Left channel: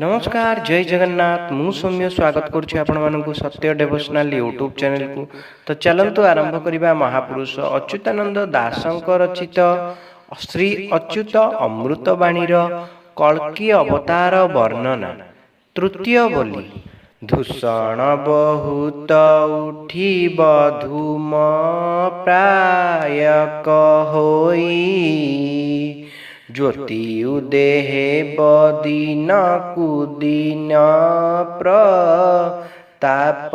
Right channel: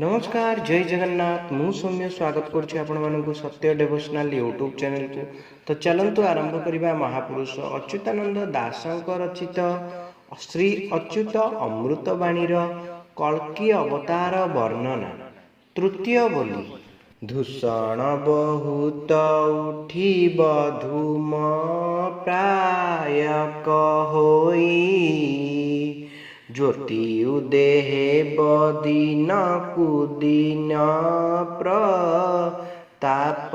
नमस्कार जय जगन्नाथ मु सौम्य स्वागत करुँ सत्य डेभोशनाल यूट्यूब चैनल को। तो चलतु आरंभ करवा महापुरुष अच्युतानंद दासଙ୍କ रचित श्री अच्युत अमृतवाणीर कल्की अवतार वर्णना तृतीय बोली। दूषण बहुत उठिब धूम प्रायक होई ज्योति उदेहे बदिन कुदिन प्रताप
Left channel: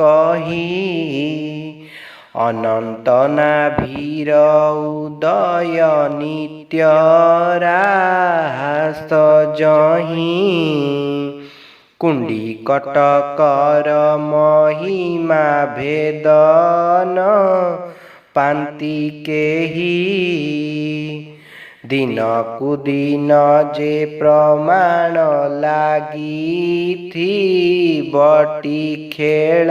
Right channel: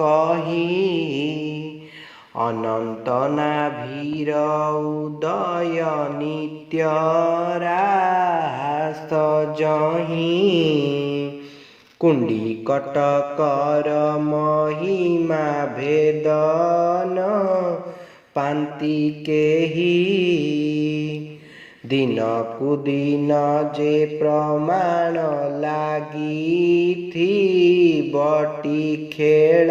कही अनंत नाभीर उदय नित्य रास जही कुंडी कटकर महिमा भेदन पांति केही दिन कुदिन जे प्रमाण लागी थी बटी खेल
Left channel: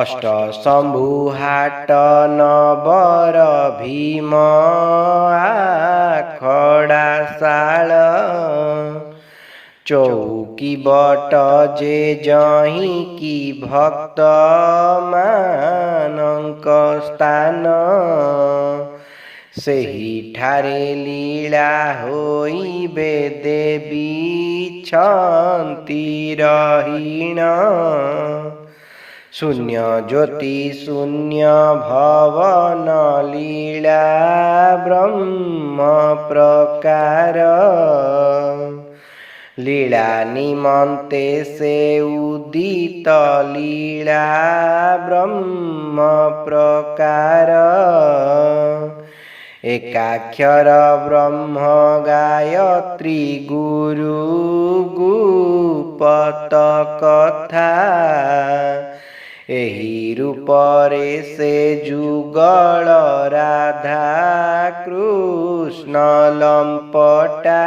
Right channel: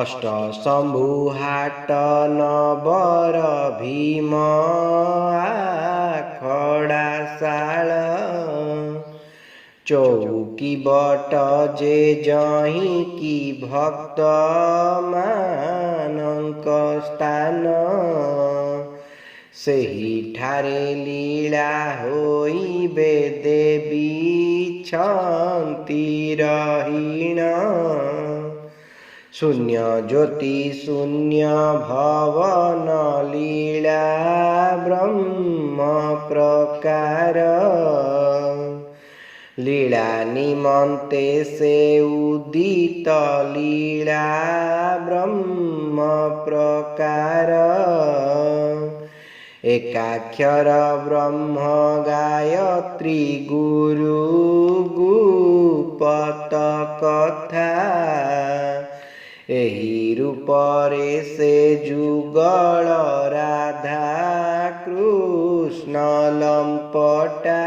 अष्ट शंभु हाट नबर भीम आखड़ा शाल चौकी बट जे जही की भक्त मानक स्थान सेही ठारे लीला होइबे देवी छंती रहीण शून्य ज्योति शून्य भवन लीला ब्रह्म प्रकार लीला निमंते से उदित लीला ब्रह्म प्रकार एकाक्षर ब्रह्म गायत्री गुरु गुपत कथा एही रूपरे से जुगल राधा कृष्ण लंपटा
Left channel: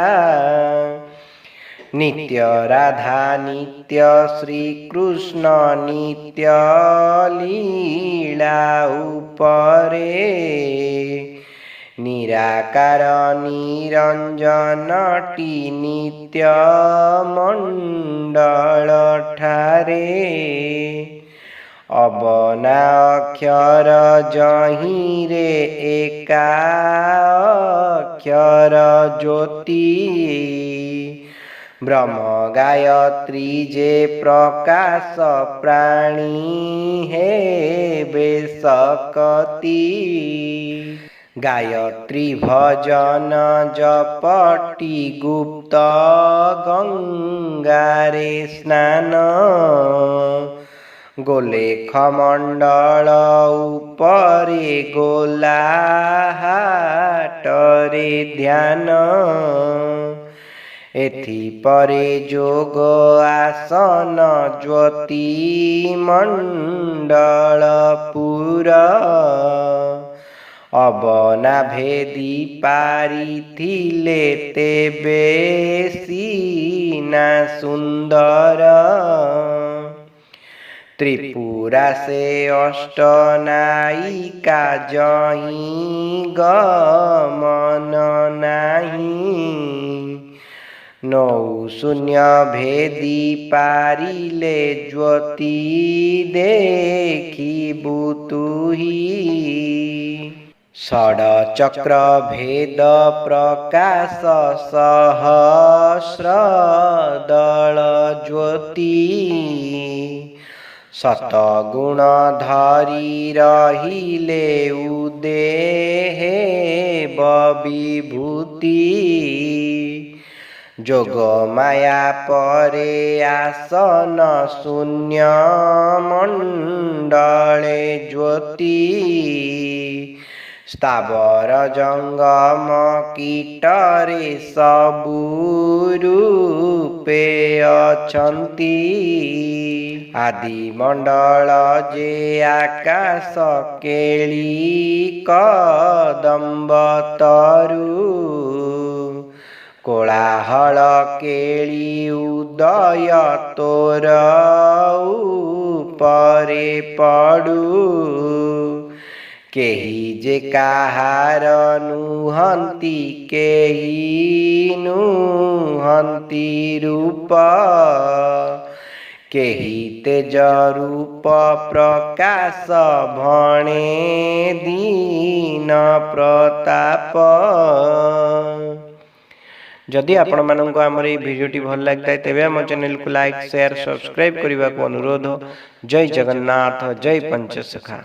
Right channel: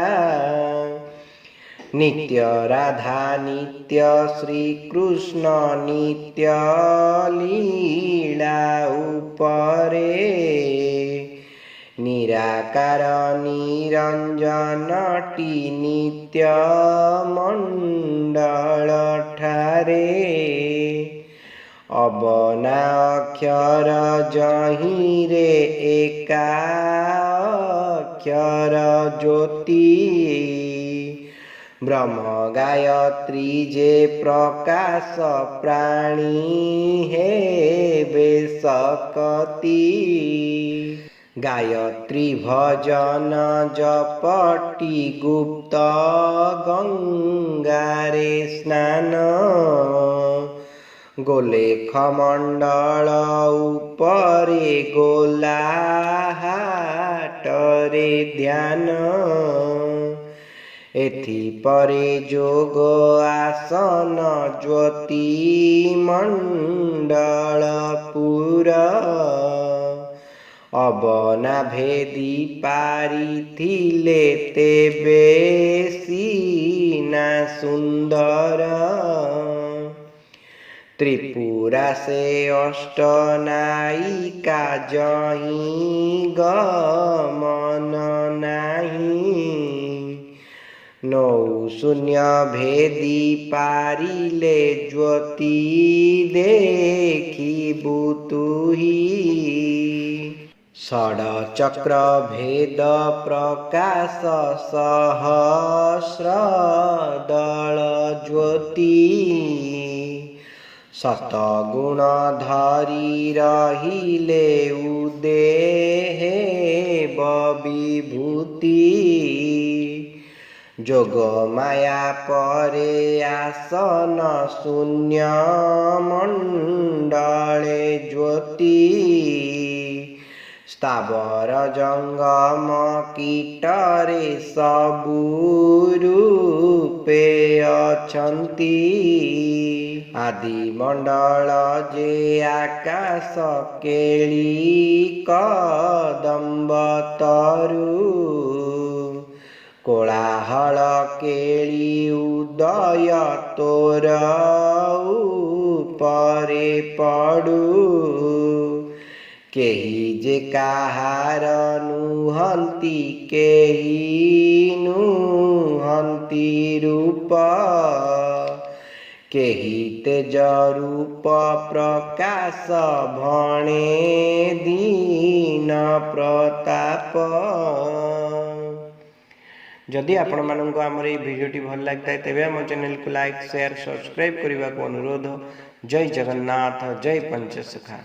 नित्य राधा नित्य श्री कृष्ण नित्य लीला उपरे निराकार निरंजनटी नित्य मंडल ठारे अबना अक्षर जही रे एका अक्षर ज्योति ब्रह्म गायत्री जे प्रकाश प्राणी हे बेसकती गायत्री भजन जपटी गुप्त गंगारे स्नान गोलेख मंडल उपरे गोला हाटरे ध्यान एथि परे जोग आसन ज्योति मंडल पूरा अबना भेदी पारी थिले तेबे सीना सुंदर त्रिपुरा से अष्ट नायिका जही गमन नाही नौ शून्य भेदी पारिले ज्योति देखी बुतुही षड चक्र भेद प्रकाश सहस्र दल ज्योति सतगुण धरी रहिले उदेहे विभूति जोग माया परे आसन शून्य मंडले ज्योति स्थावर जंगम कीटरे सबु रूपे अछंती आदि मंडल जे आकाश केली कदम्ब तरु कोलाहल केली उदय तोर उपरे पड़ू केही जे काहार नुहंती केही नुहंती कांति रूप केहि तेज रूप प्रकाश भणे दीन प्रताप। जदि आपण मानक आमर ये भिडियोटी भल लगता है तेबे आम चैनल को लाइक शेयर सब्सक्राइब करने को अनुरोध। जय जगन्नाथ, जय पंचसखा।